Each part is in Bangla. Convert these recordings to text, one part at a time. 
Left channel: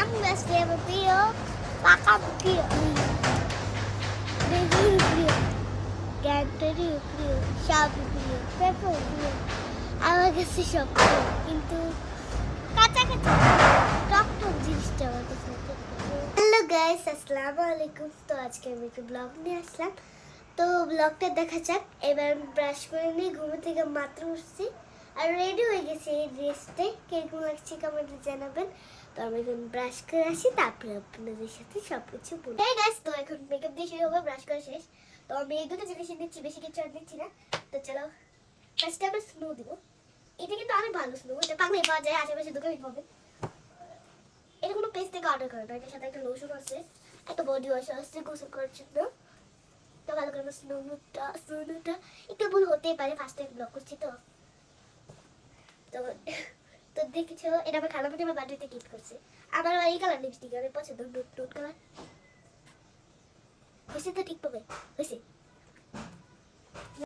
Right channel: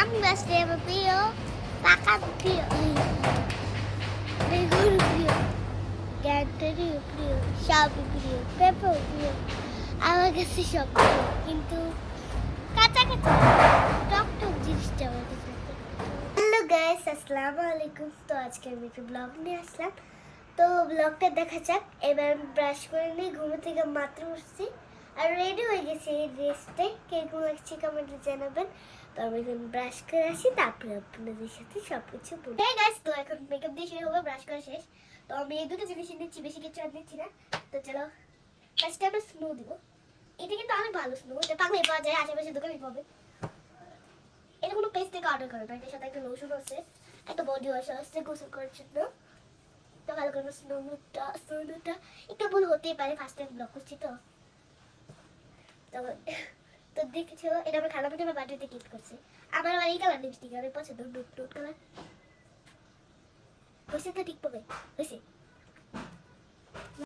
আম গাছটি আমার প্রিয়, পাকা প্রিয়, বেগুন প্রিয়, গ্যান্টারিও প্রিয়, সবই প্রিয়, পেঁপেও প্রিয়। আমার কাছে সব প্রিয়, কিন্তু কাঁচা কাঁচা টক টক জিনিসটা আমার কাছে। হ্যালো গাইস, আসসালামু আলাইকুম। তো আজকে আমি একটু ব্লগ নিয়ে আসলাম। তো ব্লগটা দেখা যাক। এবার ব্রাশ করে নিয়ে ঘুম থেকে মাত্র উঠছি আর রেডি হয়ে গেছি এই ড্রেসতে। কিরকম লাগছে কমেন্টে জানাবেন। তো আমি এখন ব্রাশ করে আসি, তারপরে আপনাদের সাথে সবকিছু বলবো। হ্যাঁ গাইস, তো এখন মেকআপ দিয়ে শুরু হবে, ব্রাশ করা শেষ। তো আমি এই দুটো জিনিস নিচ্ছি, বেশি কিছু আর নিচ্ছি না। তো চলো ফার্স্টে আমরা স্নো দিব। এটা কিন্তু অনেক ভালো স্নো, এটা পাকলেই পাওয়া যায়, আশেপাশে দোকানে পাবে। এটা কোনো পেজ থেকে অর্ডার করবে। এটার সাথে একটা লোশন আছে, একটা বডি ওয়াশ আছে গোসল করার জন্য। তো ভালো করে স্নোটা একটু ভুল হতেই পারে, ফার্স্ট টাইম ব্লগ করছি তো। তো তো দেখেছো, এটা আমি খালা আমার বাড়িতে গিফট করছি। আমার বাড়ি কালার লিপস্টিক অনেক পছন্দ, নুট নুট কালার। হয়েছে তো, ঠিক পাবে, হয়েছে।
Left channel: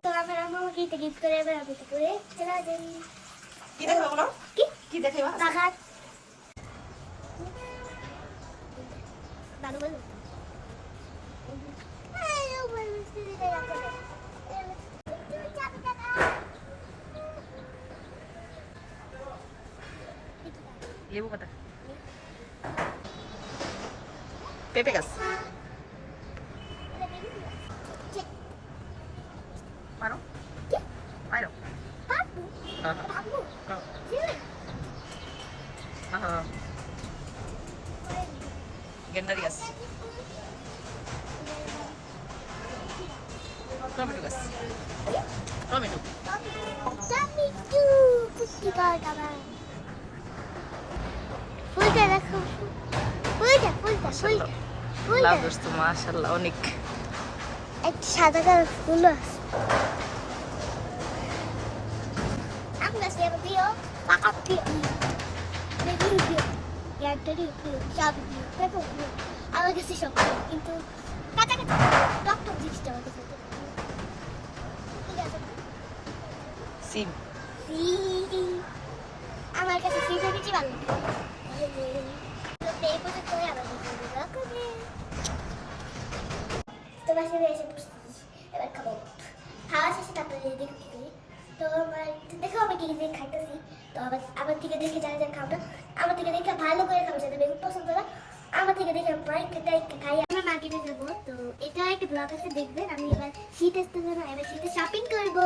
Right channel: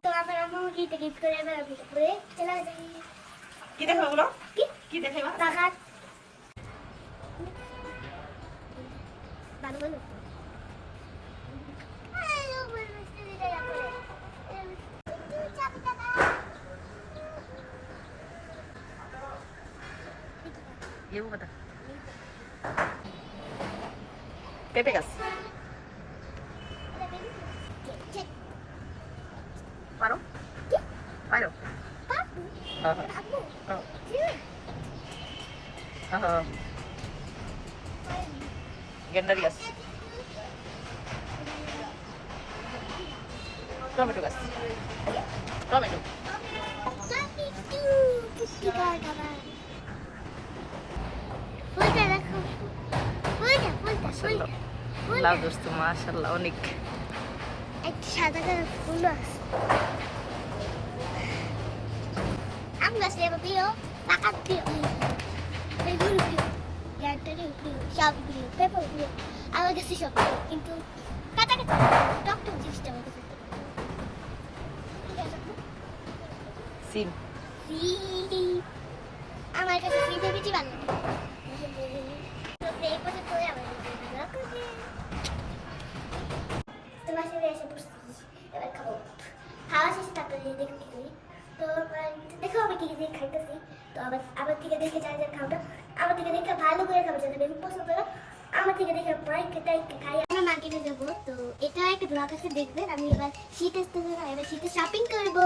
তো আমার আম্মা আমাকে এটা গিফট করে, এবার আমি তো পরে চলে যাই। কি দেখাবো বলো? কি কি দেখাইবা? বাগান ভালো বলো। লেবু পাতা, পেঁপে গাছ, পারো পারো, গেন্ডারি গাছ, টমেটো গাছ, টমেটো, ফুলটা দেখো, ফুলটা ফুলটা ফুলটা লাভ দোস্ত, মাশাআল্লাহ অনেক। একটা সাদা কালার ফুল আছে। আম গাছটি আমার প্রিয়, পাকা প্রিয়, বেগুন প্রিয়, গ্যান্টারিও প্রিয়, সব প্রিয়, পেঁপেও প্রিয়। আমার কাছে সব প্রিয়, কিন্তু কাঁচা কাঁচা টক টক জিনিসটা আমার কাছে প্রিয়। সিম, আমার কাছে সিমটা বেশি ভালো লাগে। তো এই পর্যন্ত আমার তোমার সাথে এসে বসছি, এবার খাবো। খাওয়া শেষে তারপরে দেখো কি করি। তো দেখো আমি কি কি খাইতেছি। তো আমার থেকে দেখে যারা যারা খাবো, আমার থেকে দেখে ভালো করে খাবো, যাতে বেগুন পছন্দ হয় আমার থেকে দেখে খাই। আমার মার্কেটে যাবো, তো এটা একটা ব্লগ আছে, দেখবেন। আমি এবার শীত আসতেছে না, এবার শীতে শপিং করবো।